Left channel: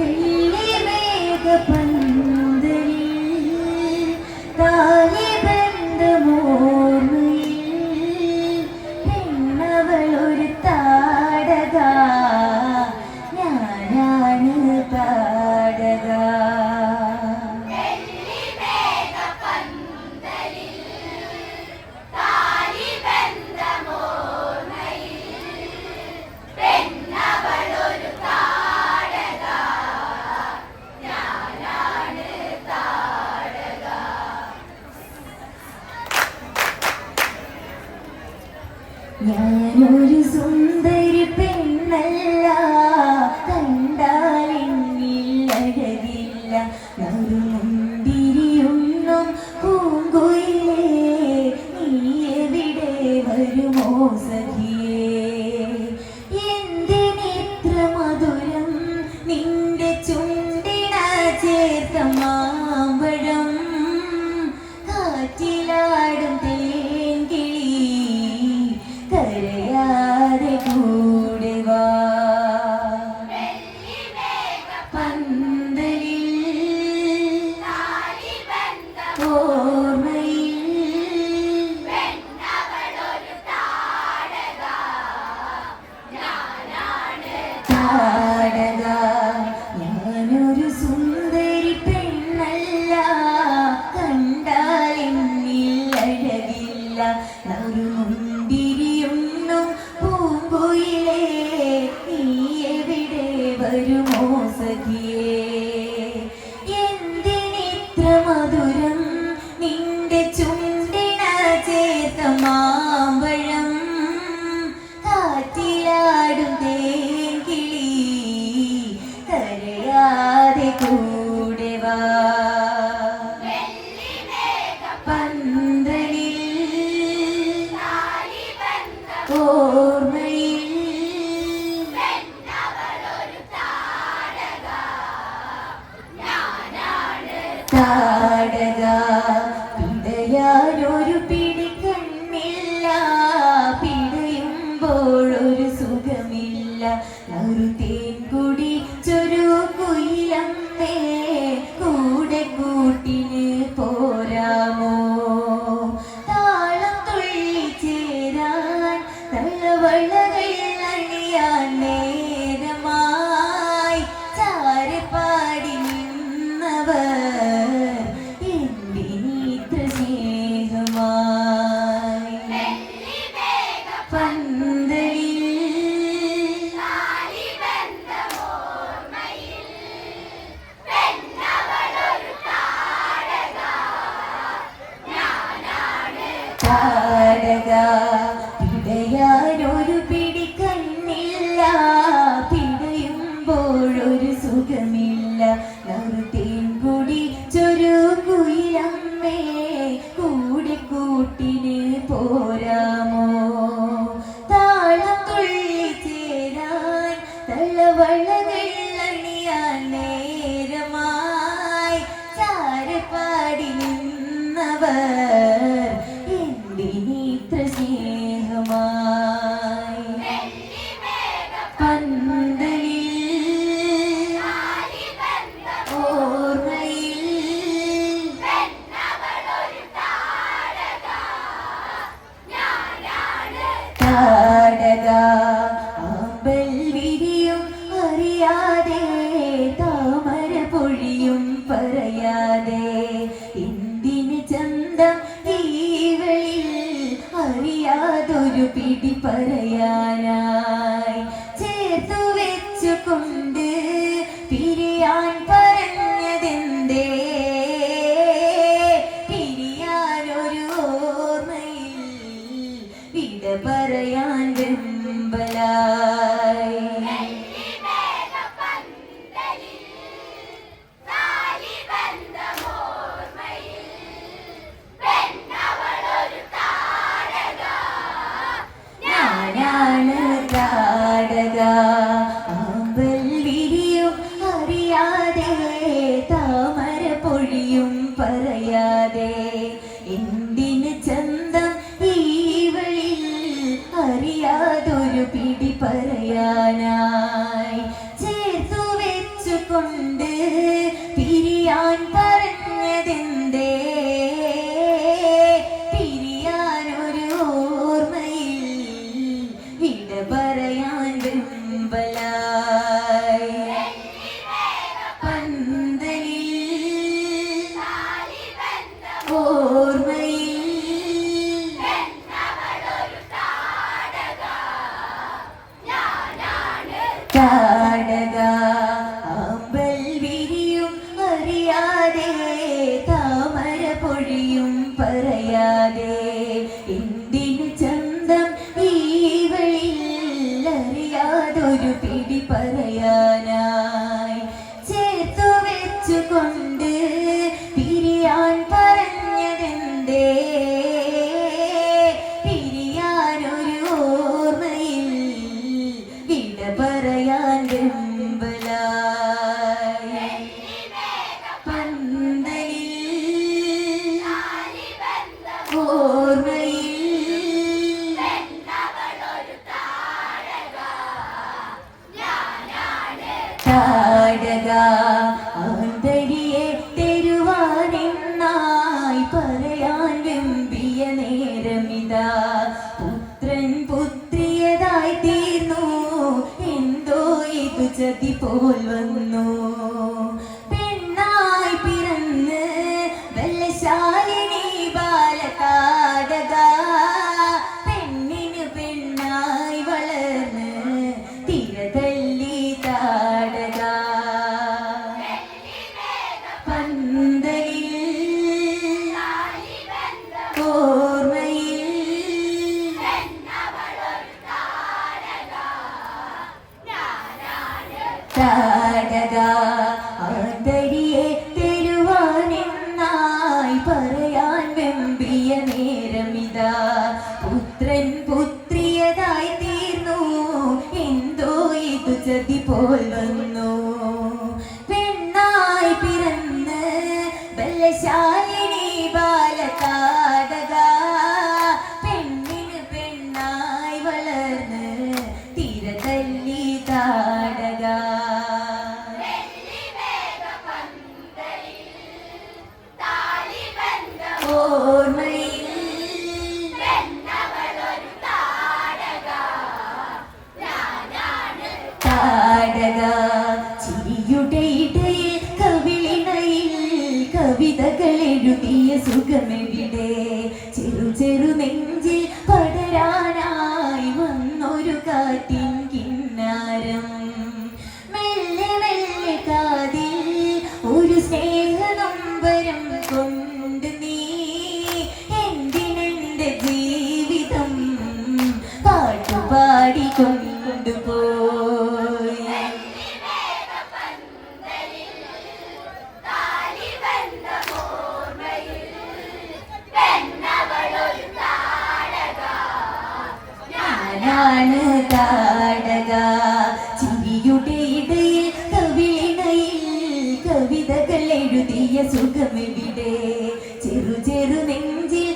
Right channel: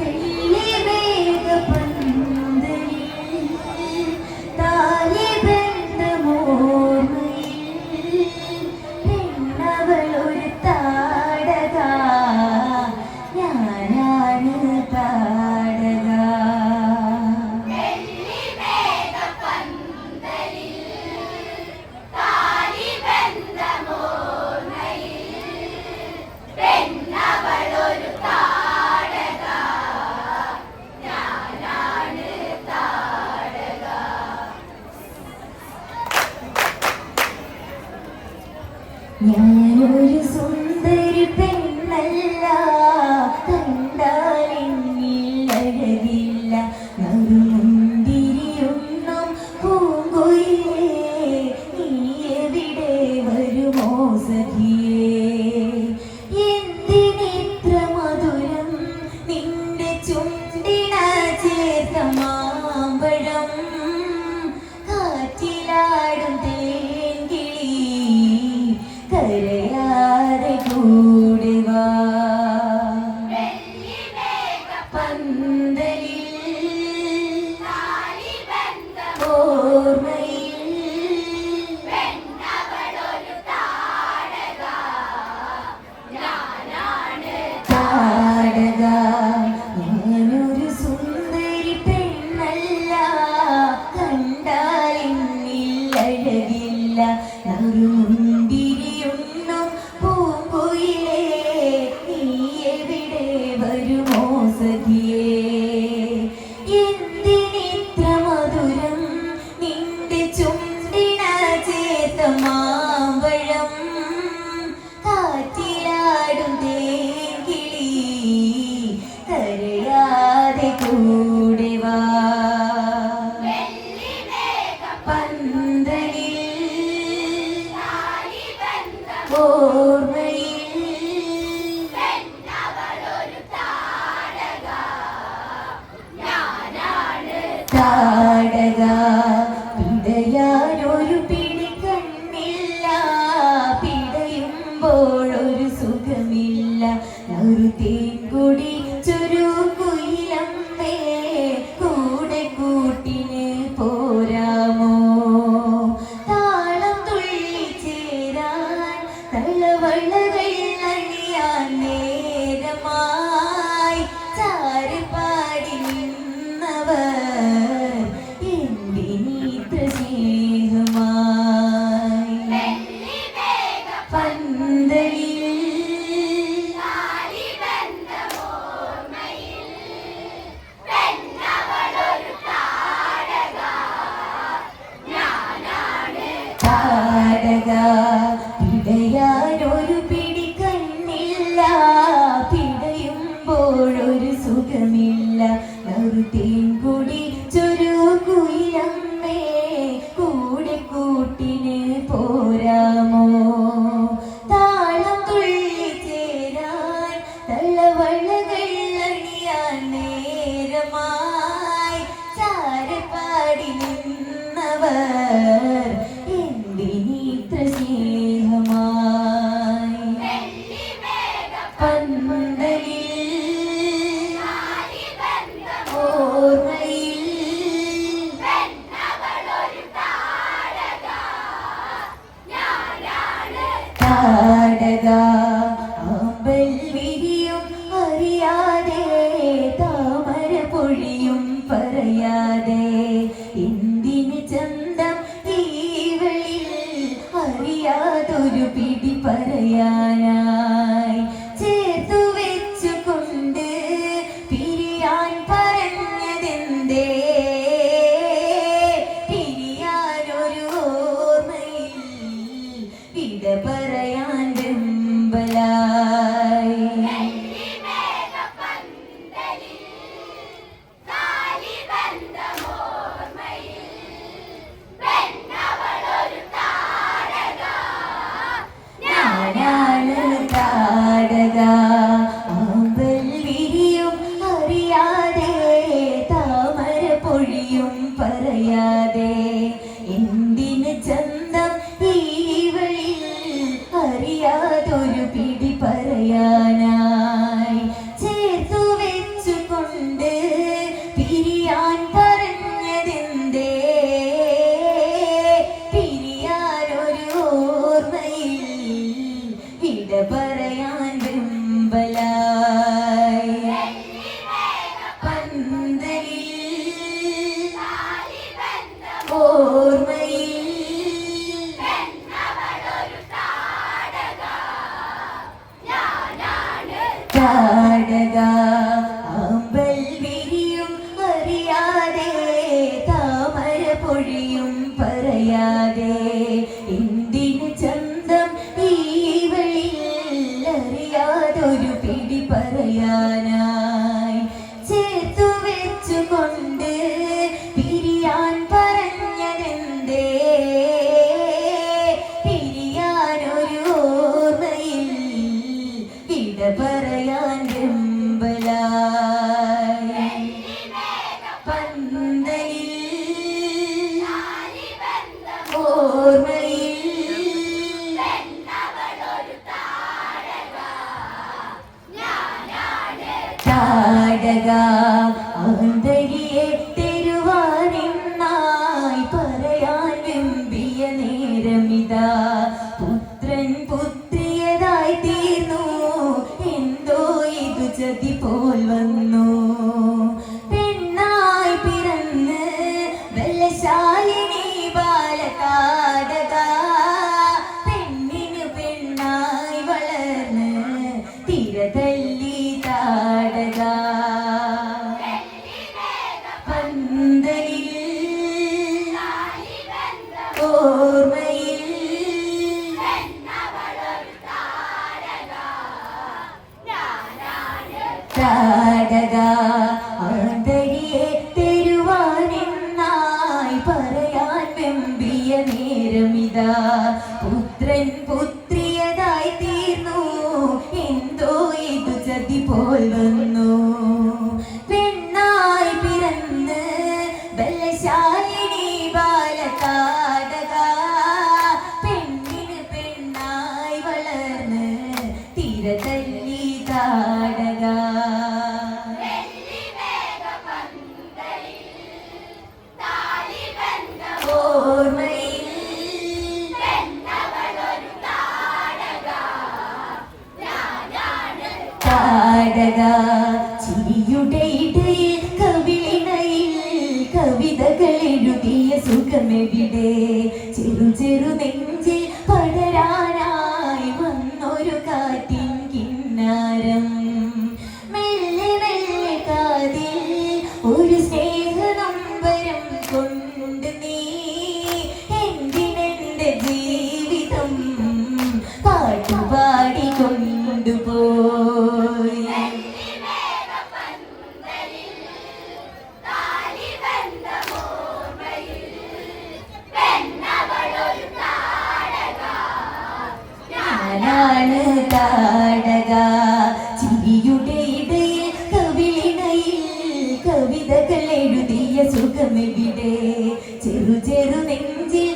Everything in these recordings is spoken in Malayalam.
ഞാനൊരു 你 ചാടക ആന്തരിയെ തരുവാനെന്നായി പറയാൻ വെമ്പിയ നേരമിതാ. പുത്രൻ പുത്രിയതായി തീർന്നു എന്തോ ഇത് ചതി പോൽ വന്നു. പെണ്ണായി പിറന്ന് ബലശാലിനി ബാലകാടക. പെണ്ണിന് പെണ്ണായി വളർന്ന് തീരതരി കവിതകൾ എഴുതിയ സുഖമെവിടെ ചെറു ചെറു നെഞ്ചിൽ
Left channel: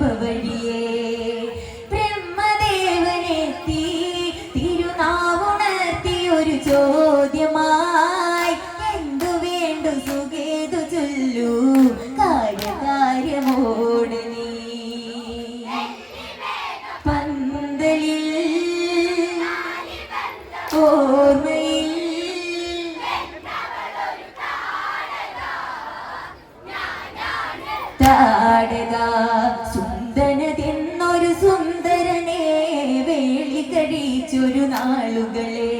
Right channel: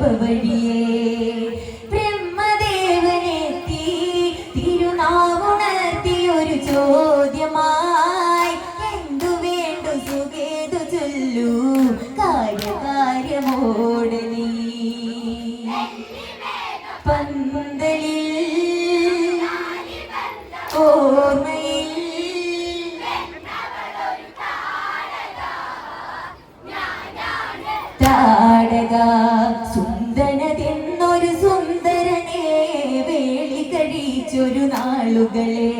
remember the ചുരുനാളുകളെ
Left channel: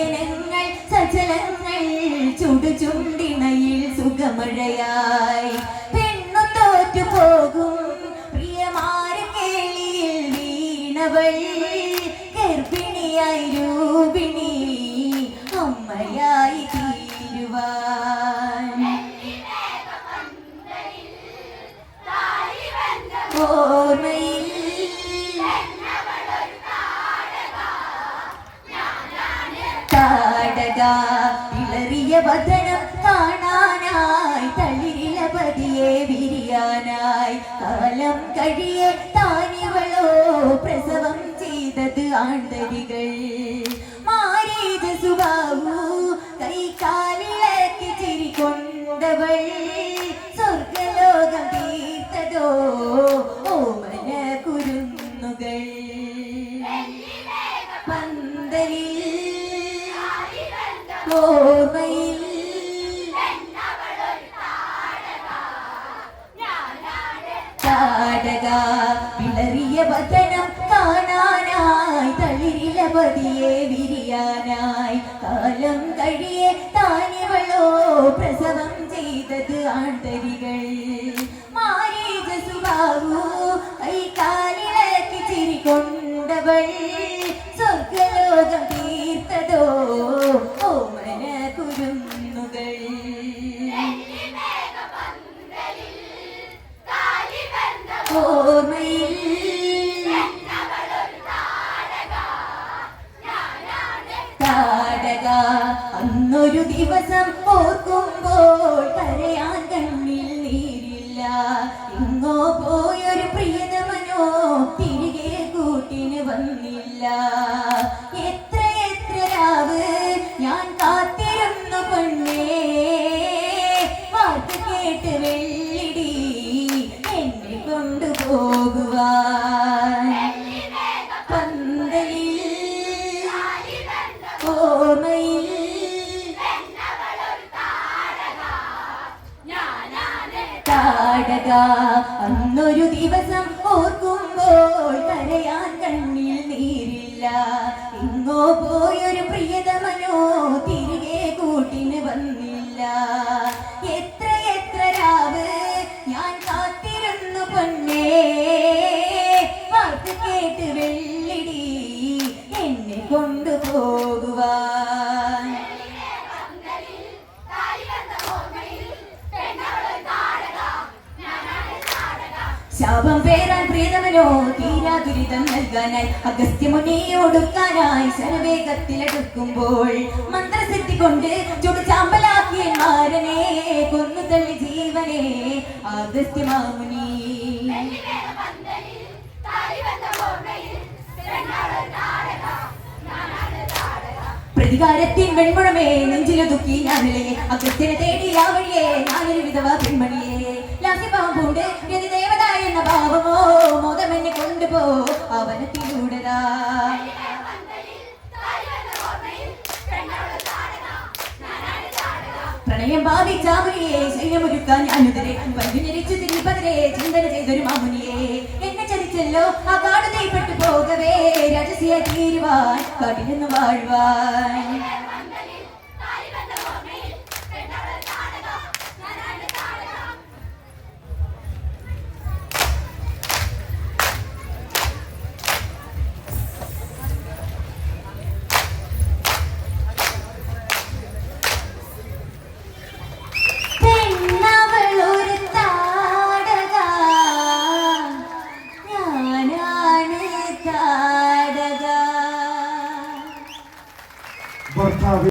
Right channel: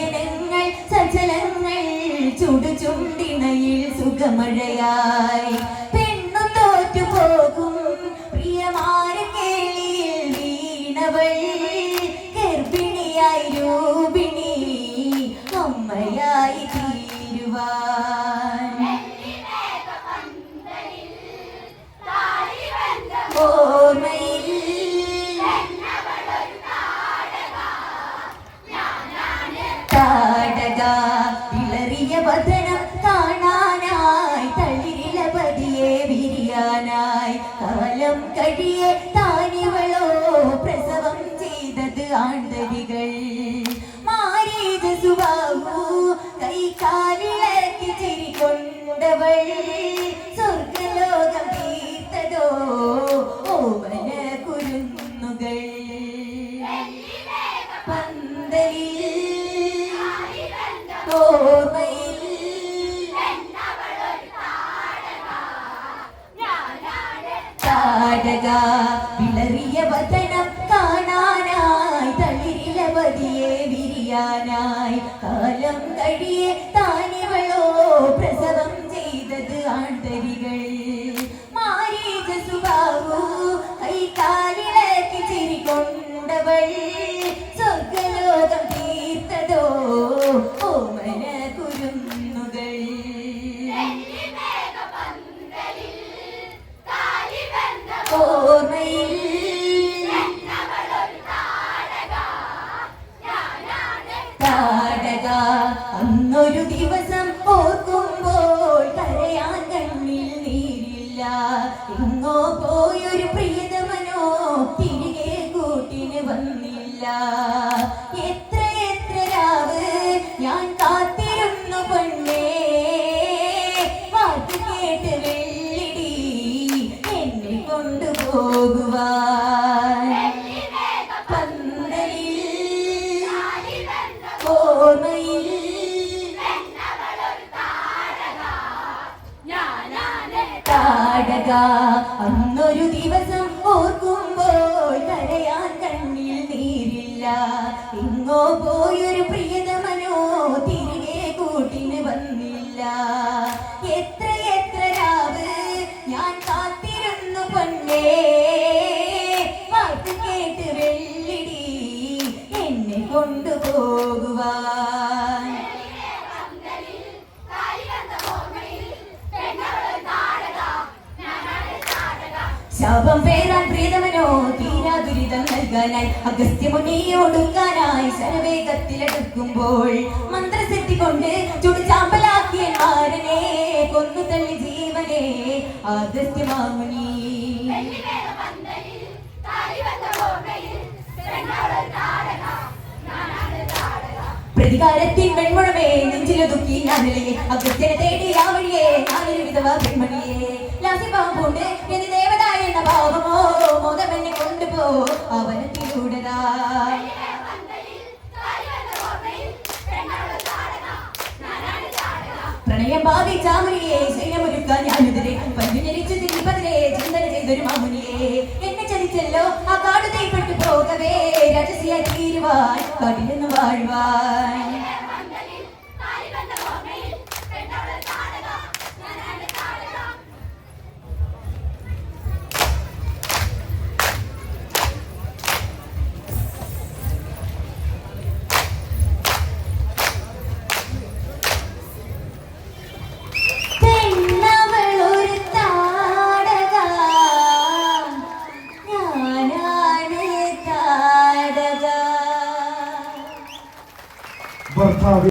ശുഭനയനങ്ങൾ സജലങ്ങൾ ചുടുചുണ്ടിണയിൽ സുഖമഴയായി കാലം താടക വിളറിയ വതനം കാണാനായി തളിരില പതിയെ വിരിയാനായി. കാലം കഴിയെ താനിവളോ പ്രസവം ചെയ്തത് ആണ്ടരികൾ കേട്ട് വെള്ളിടി എന്നെ കൊണ്ടുപോകുവാൻ. ശാപം പേരാൻ പ്രീതമനോ തീരാ ദുരിതം നൽകാനായി അഗസ്ത്യമുനിയോടുക്കാനായി ശരവേഗത്തിലെടുക്കുമ്പോൾ മന്ത്രസിദ്ധി കൊണ്ട് ചുടുചാമ്പലാക്കിയ മാരനെ കൊന്നു തള്ളി ജീവനെ അഗസ്ത്യമാമുനി പ്രതികാരത്തിൻ വെൺമുഴമേ നെഞ്ചിലൊതുക്കി ഞാനല്ലേ. അഗസ്ത്യനെ തേടി ആ വഴിയേ ഞാനൊരു വിധവ പെൺമണിയേ. ലാസിഭാവം കൊണ്ട് എന്റെ ദേവത എന്ന ഭാവമോ എന്നെ കൊണ്ടുപോ അവനത്തിലൂടതാ പ്രണയം ഭാവിച്ചാമരിയെ ശൈലമൊരുക്കാൻ ഞാനുതിരെ. പഞ്ചുഞ്ഞരിച്ചു തിരിപ്പതിരെ ചിന്തന ചെയ്തൊരു മാമുനിയെ. എന്നെ ചതിച്ചല്ലോ ആ കാട് കൈപ്പെട്ടു പോകവേ. രഹസ്യ തീരുവാൻ കടിലെന്ന് വാഴുവാൻ.